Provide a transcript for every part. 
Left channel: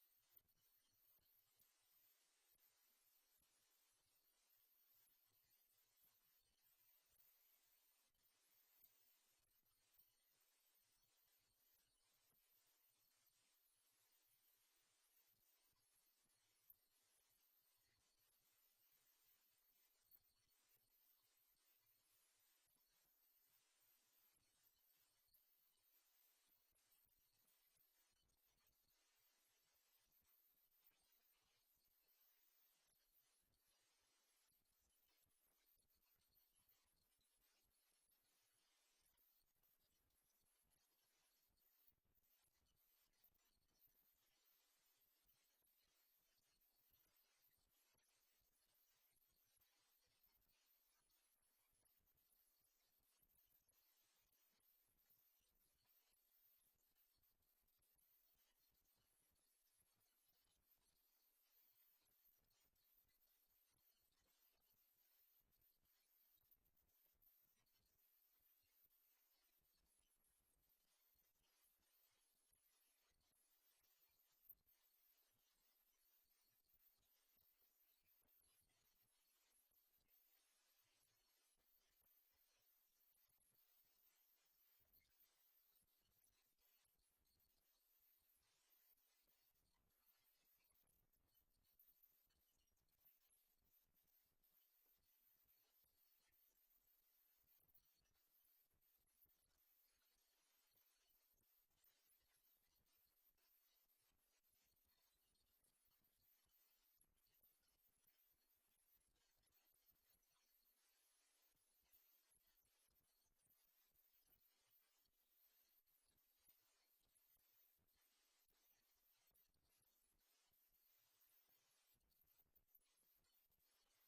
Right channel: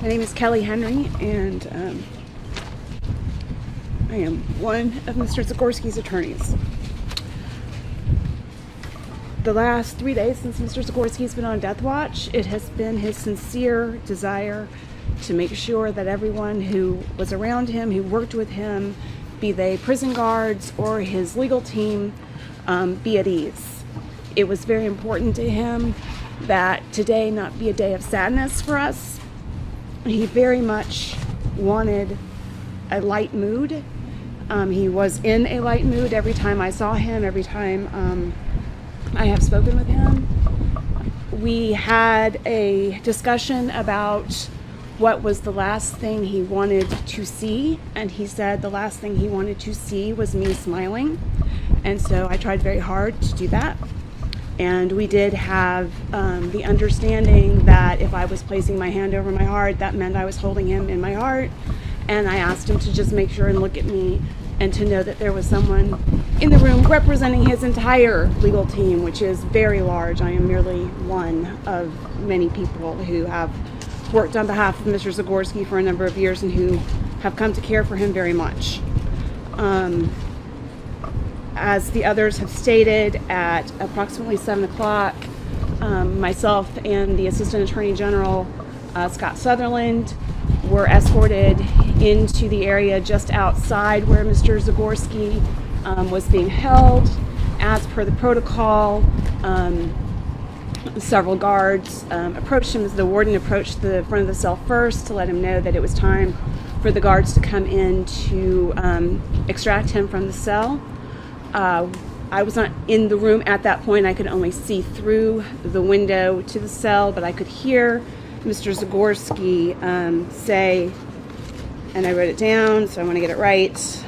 My name is Kelley Henry, and I am one of Mr. Zagorski's attorneys. The last 3 days since Mr. Zagorski's been on death watch, it has been his sincere desire to make sure that everyone who was around him, who worked with him, be they prison guards or his legal team, be at ease. It was very important to him that today not be a day of sadness for us. He very much wanted a light mood. He was in a light mood every time I saw him, every time I have spoken with him. We had a discussion about what was the last thing he wanted to see, and he said the last thing he wanted to see was me smiling, and so I tried very hard to do that. And we did have the understanding that if I was placing my hand over my heart, that meant I was holding him in my heart. And I asked him to just make sure and look at me and to know that there was someone in the room representing his entire legal team, which is very large. I am merely one of many people who have worked on behalf of Mr. Zagorski for a number of years and who have come to care for him very much. As the others have stated, at approximately 7 o'clock, myself and the Assistant Attorney General, Scott Sutherland, were escorted into the area just outside where Mr. Zagorski was being held. As per the protocol, several guards approached him as the warden approached the front of the cell first to let him know that it was time for the guards to come in to extract him from the cell. I was not in the room at that point. I could only see through the window to the cell, but I could hear Mr. Zagorski say, and I wrote it down, so I want to get it right.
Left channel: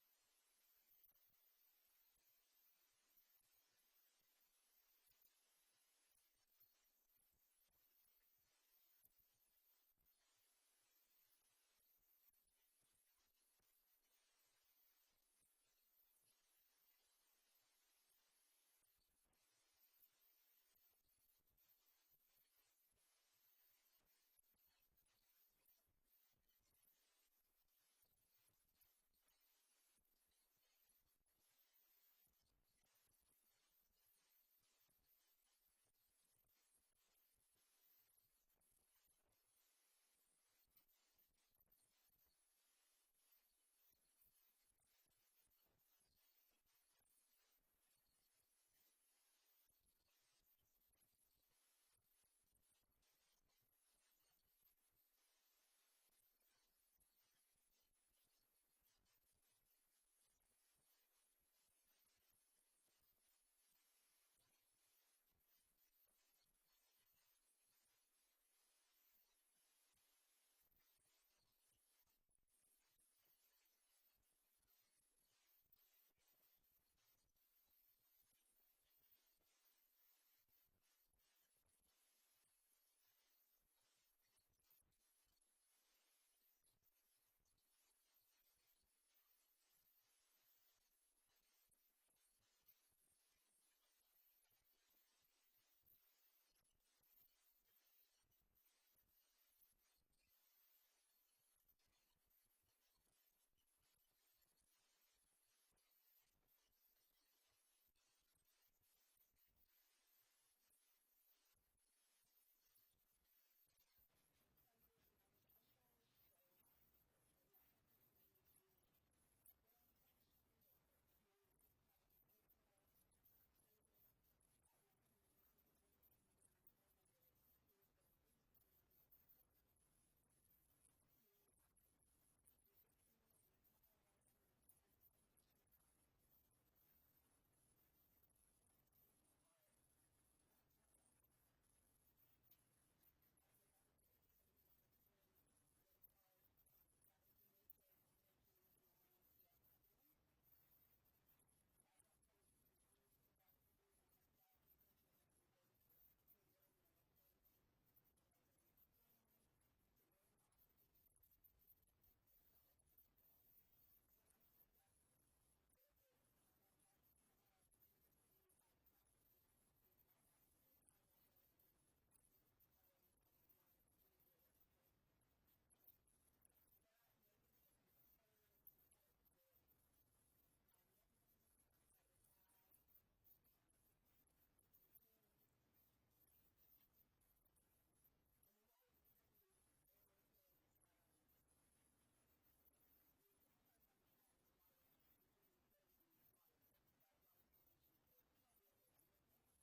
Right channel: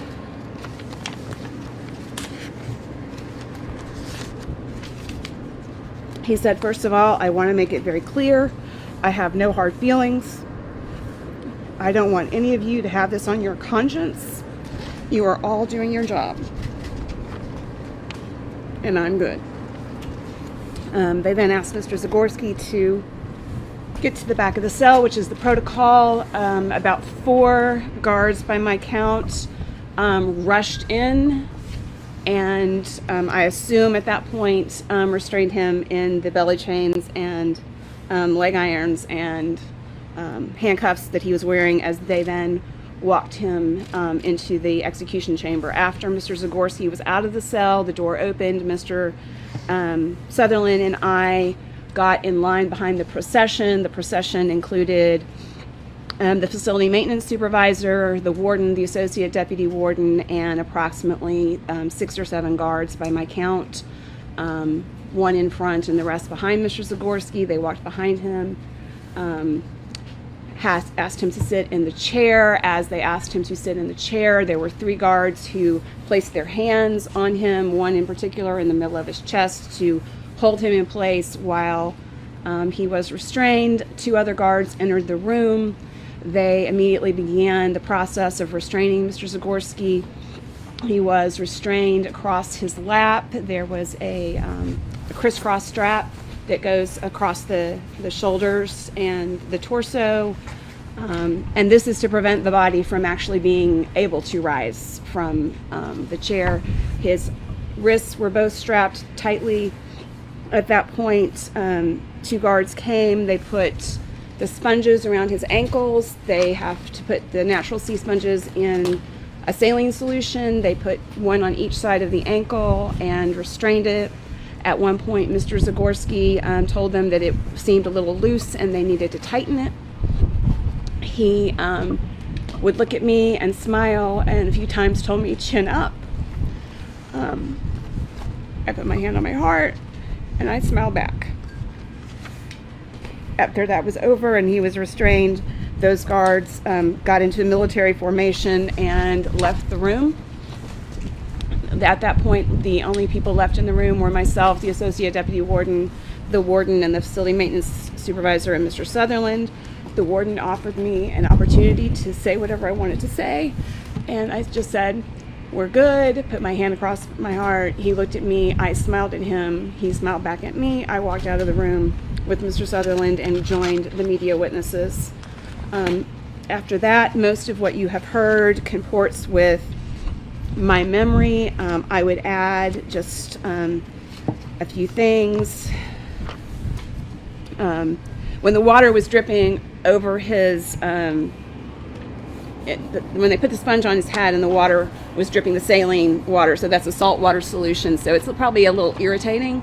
He said, first of all, I want to make it very clear, I have no hard feelings. I don't want any of you to have this on your conscience. You are all doing your job. And I'm good. They then asked Mr. Zagorski to get to the back of the cell, which is the protocol. About 4 guards, by my count, rushed in, and I assume at that point restrained him in the belly chains and leg irons and handcuffs that he was wearing, as they then walked him into the execution chamber. After Mr. Zagorski was out of the cell, the door opened. Mr. Sutherland and I got in line behind the procession. The procession included the facility maintenance supervisor, the warden, the associate deputy warden, and approximately 6 or 7 guards by my count. One in front and the rest behind Mr. Zagorski. They walked behind him. Asked him to sit in the chair. As they asked him to sit in the chair, there were 3 guards who placed their hands on him, one in particular in the middle of his chest, to hold him in place while he was restrained. 2 other guards entered the room. They immediately began the process of restraining Mr. Zagorski. He was restrained across his lap. There was a crisscross strap that goes across the shoulders and the torso, and this is to prevent the body from actually being able to rise from the chair. His wrists were both strapped tightly. At that point, 2 guards came. They put the sponges around his ankles. They have to put the natural sea sponges in a saline solution. They put one on each side of the ankle and restrained it. At one point, Mr. Zagorski told them that it seemed a little loose and they needed to tighten it. He would look at me and smile, and a few times told me, chin up. I put my hand on my heart and I smiled back. After that was over and he was restrained, those guards got into military formation and left the room. At that point, the only people left in the room were myself, the associate deputy warden, the warden, and the facility maintenance supervisor, and Mr. Sutherland. The warden offered me an opportunity to say whatever I wanted to say, and I just said, we're good, put my hand across my heart. He looked at me, I smiled at him, he smiled back at me. I walked out of the room with Mr. Sutherland and joined the media witnesses. After that, most of what you have heard comports with my memory. I would add just a few things. When the water was dripping over his, when they put the sponge on his head and the water was dripping, the saline water, so that's a salt water solution, so it's probably a little irritating.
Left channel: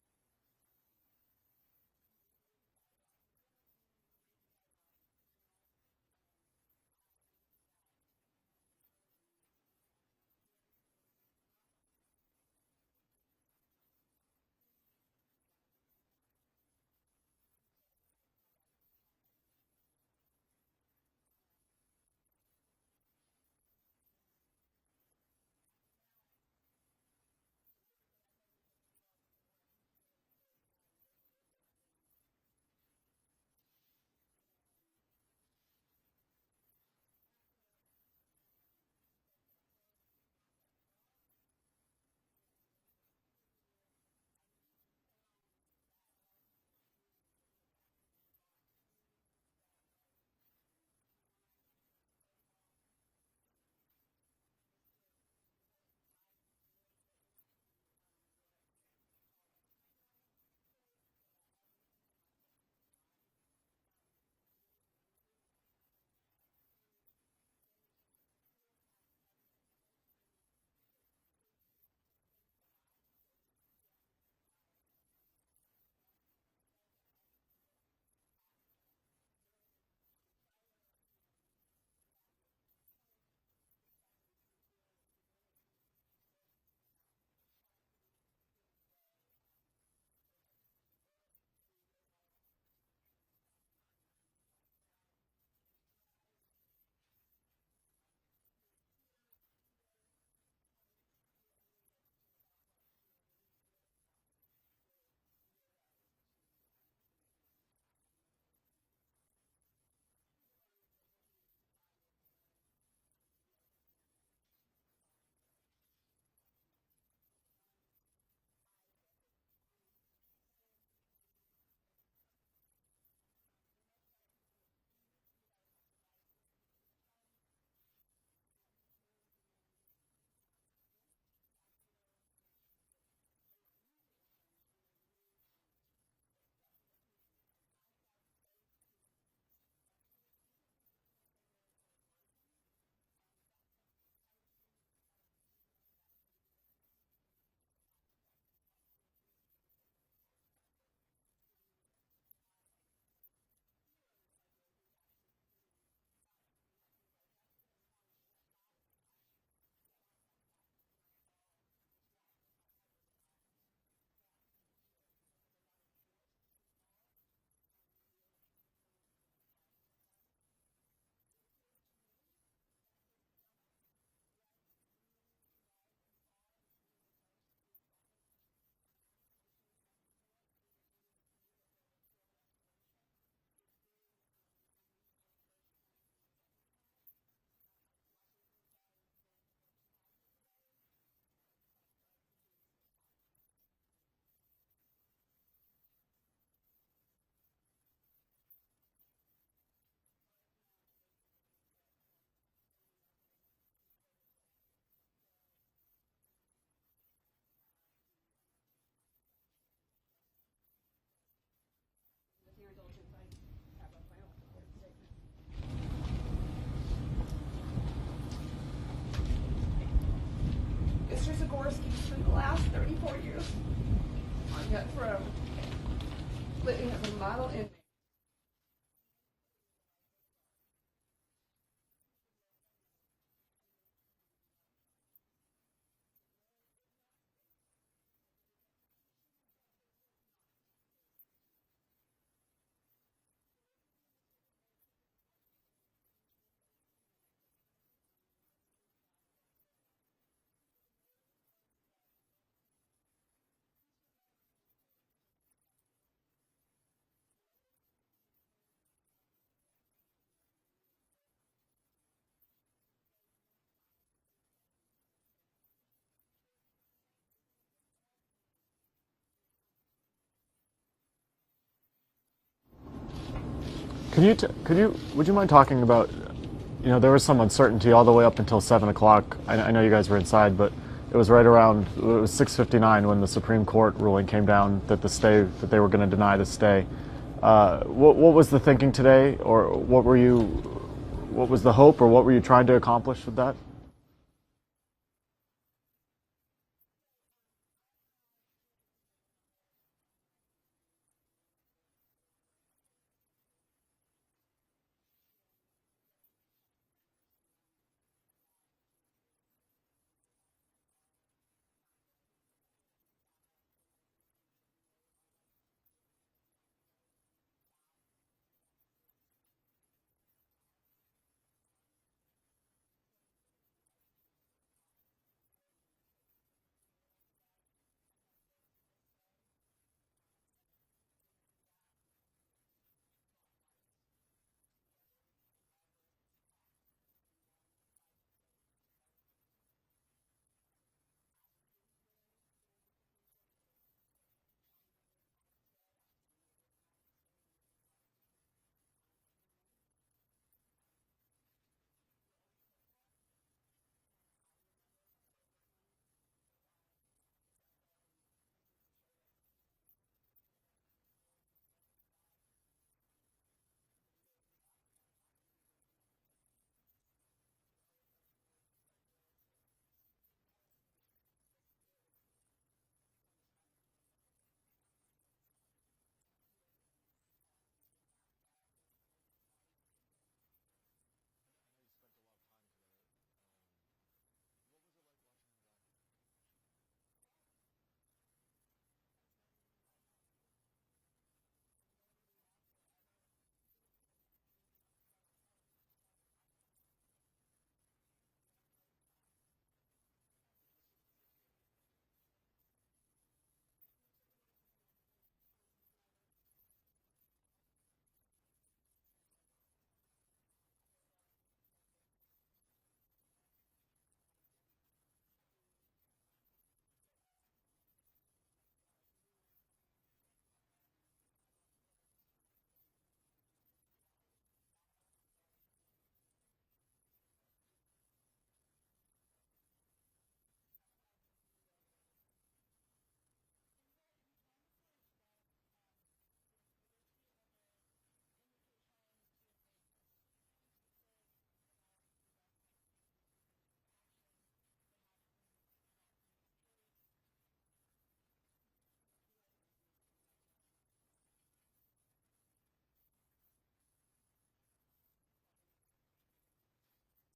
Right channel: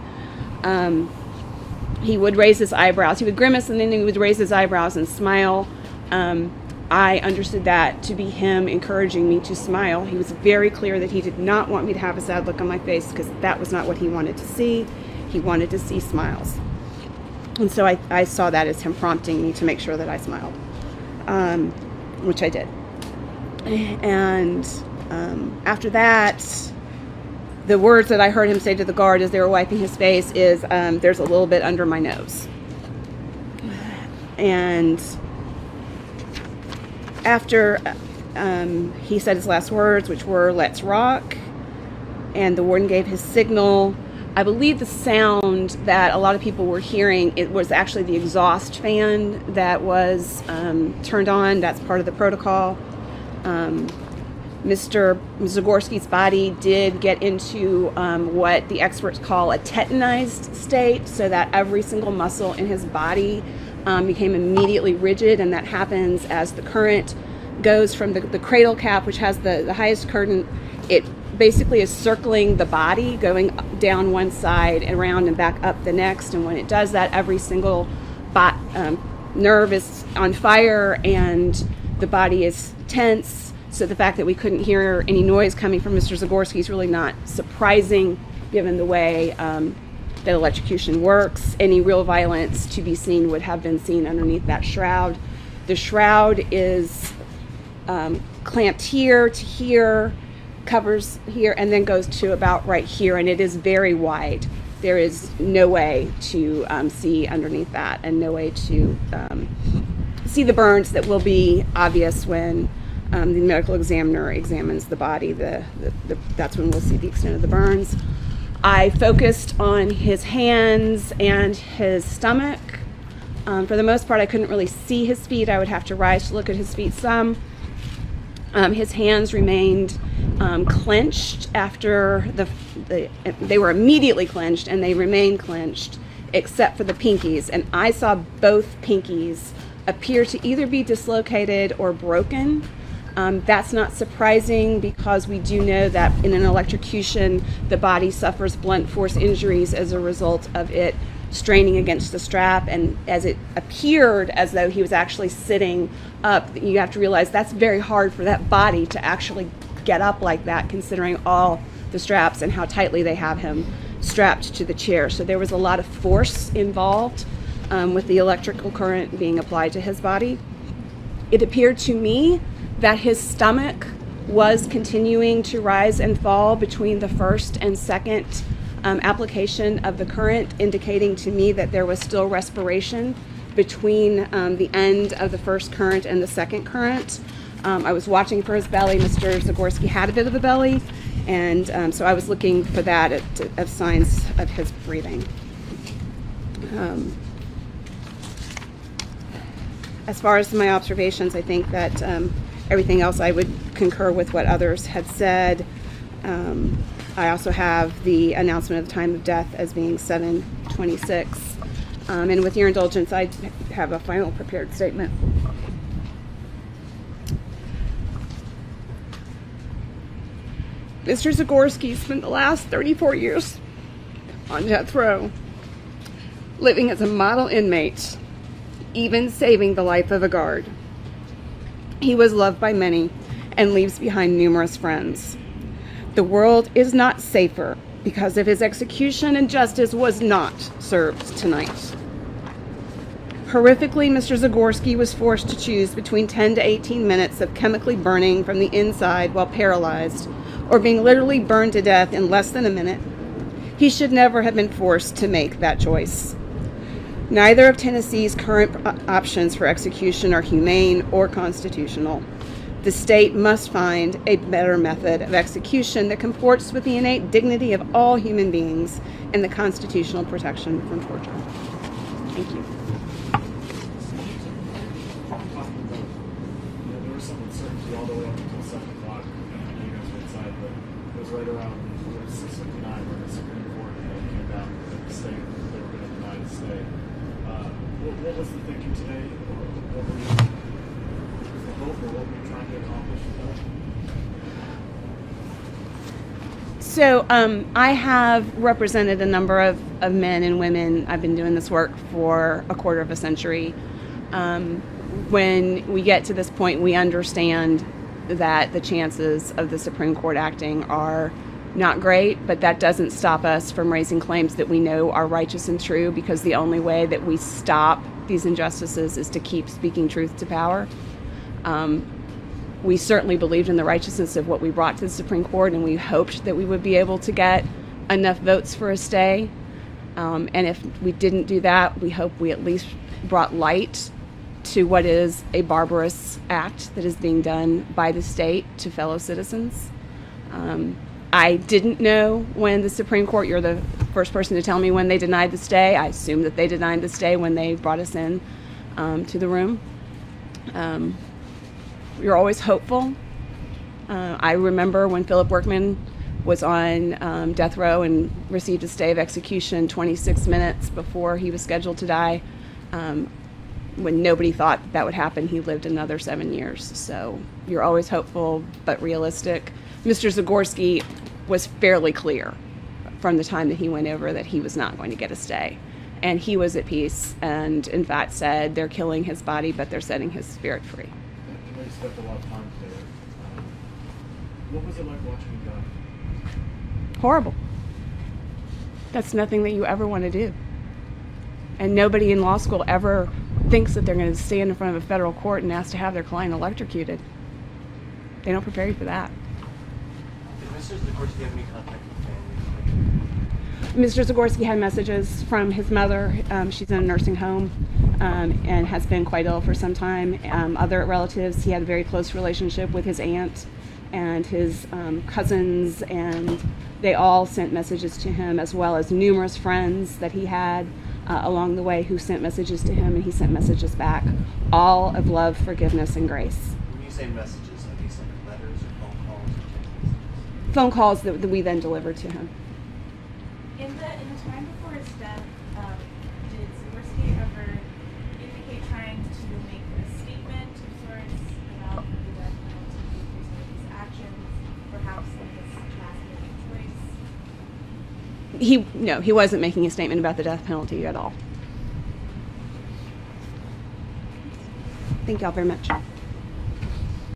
He would raise his eyebrows. He would grimace and then he would raise his eyebrows and smile. I understood that to be him encouraging me to smile. He was very clear that he did not want me to have a sad look on my face because that was not what he wanted to see. He wanted to see smiles. And so I saw that as him prompting me to make sure that I smiled, which I did. And after that, the words that I heard him say to the guard as they were wiping his face is, there's a little bit under my nose. And after he said his last words, which were, "Let's rock," and the warden gave his signal, I believe the sound that a lot of people were hearing, it was actually the exhaust fan that was turned on. That's part of the protocol. Mr. Zagorski's body did get into what the experts call a tetanized state, so that every single muscle in his body became immediately rigid, and that happens as the current goes from the cradle cap, which has the highest current. It basically is circling the body, going down one side and around and back up the next, and when it does that, every single nerve is on fire and the body is tense. So the fact that we couldn't hear any noise coming from Mr. Zagorski is really not surprising given the way that electrocution works. Any real violence to be seen would have been seen underneath that shroud. The shroud is clamped here to here, covers here, and then goes to about right here, and it is very wide. There is no way to see underneath that, and no way to see the burns that will be obvious when the medical examiner examines the body. That's when we'll see the extent of the burns. I focused on his hands and his stomach. For the most part, I couldn't really see his feet. I would have to rise to look at his feet some. His hands remained clenched after they were immediately clenched, and they remained clenched except for the pinkies. And I saw both pinkies appear to either be dislocated or broken. That's not surprising because we do know that in an electrocution, the body suffers blunt force injuries as a result of it straining against the strap. And as it appeared as though he was actually sitting up, you have to realize that's very hard for that body to actually get up like that, considering all the straps and how tightly they have him strapped to the chair. So there was a lot of force involved with the electrical current being applied to his body. It appeared to me that his stomach was continuing to rise and fall between the first and second application of the current, indicating to me that there was still respiration between the end of the first current and the second current. I was watching for his belly. Mr. Zagorski had a bit of a belly, and so I was looking for that as signs of his breathing. As far as my observations, I think that everything else I would concur with what others had said. I also have the announcement of the time of death as being 7:26. And with your indulgence, I have a final prepared statement. Mr. Zagorski spent the last 34 years on death row, living as a model inmate, even saving the life of a guard. He was loved by many and leaves behind numerous friends. The world is not safer because of his execution, and justice was not served tonight. Horrifically, Mr. Zagorski was forced to choose between 10 to 18 minutes of chemically burning from the inside while paralyzed, or being literally burned to death in less than a minute. He should never have been forced to make that choice. Neither of Tennessee's current options for execution are humane or constitutional. The state must find a better method of execution that comports with the innate dignity of all human beings and the constitutional protection from torture. Thank you. Would you mind talking about, there was some uncertainty all the way up until 7 o'clock. I know you guys were inside, but it was right around, it was 6:59 when the Supreme Court ruling came down that that they were going to deny the stay. What was the thinking today, or what was the hope, or what were you trying to accomplish with that? So I have represented a number of men and women. I've been doing this work for a quarter of a century. When we get to this point, we understand that the chances of the Supreme Court acting are not great, but that doesn't stop us from raising claims that we know are righteous and true, because the only way that we stop these injustices is to keep speaking truth to power. We certainly believed in the righteousness of what we brought to the Supreme Court, and we hoped that we would be able to get enough votes for a stay. And if we didn't do that, we hope we at least brought light to what is a barbarous act that is being done by the state to fellow citizens. I didn't know when the Supreme Court, you're the first person to tell me when they denied the stay. I assumed that they denied the stay when they brought us in to the room. You're always hopeful. I remember when Philip Workman was on death row and received a stay of execution 26 minutes before he was scheduled to die. When nobody thought that would happen, he lived another 7 years. So you're always hopeful, but realistic. Mr. Zagorski was fairly clear from the time that he went over that he was not going to get a stay. And he was at peace and, in fact, said they're killing his body, but they're setting his spirit free. I know you spent a lot of time together. What was it like watching him die? Horrible. That's nothing that you ever want to do. And nobody in law school ever thinks that they're going to stand in front of a federal court and ask to have their client electrocuted. They don't prepare you for that. Did Mr. Zagorski have any contact with family? Mr. Zagorski had messages from his mother. She's in a nursing home and has been quite ill for some time. Other relatives, he had a very close relationship with his aunt and his cousins, and they all sent messages to him, as well as numerous friends that he had along the way who sent messages to him, and he sent messages back, all of love, forgiveness, and grace. When you say messages, are these like letters or phone calls or text messages? Phone calls that we then delivered to him. In the time before his death, did Zagorski ever indicate trying to make a statement of sorts about the death penalty because of his actions, perhaps in his last living choice? No, he wasn't making a statement about the death penalty at all. Thank y'all very much.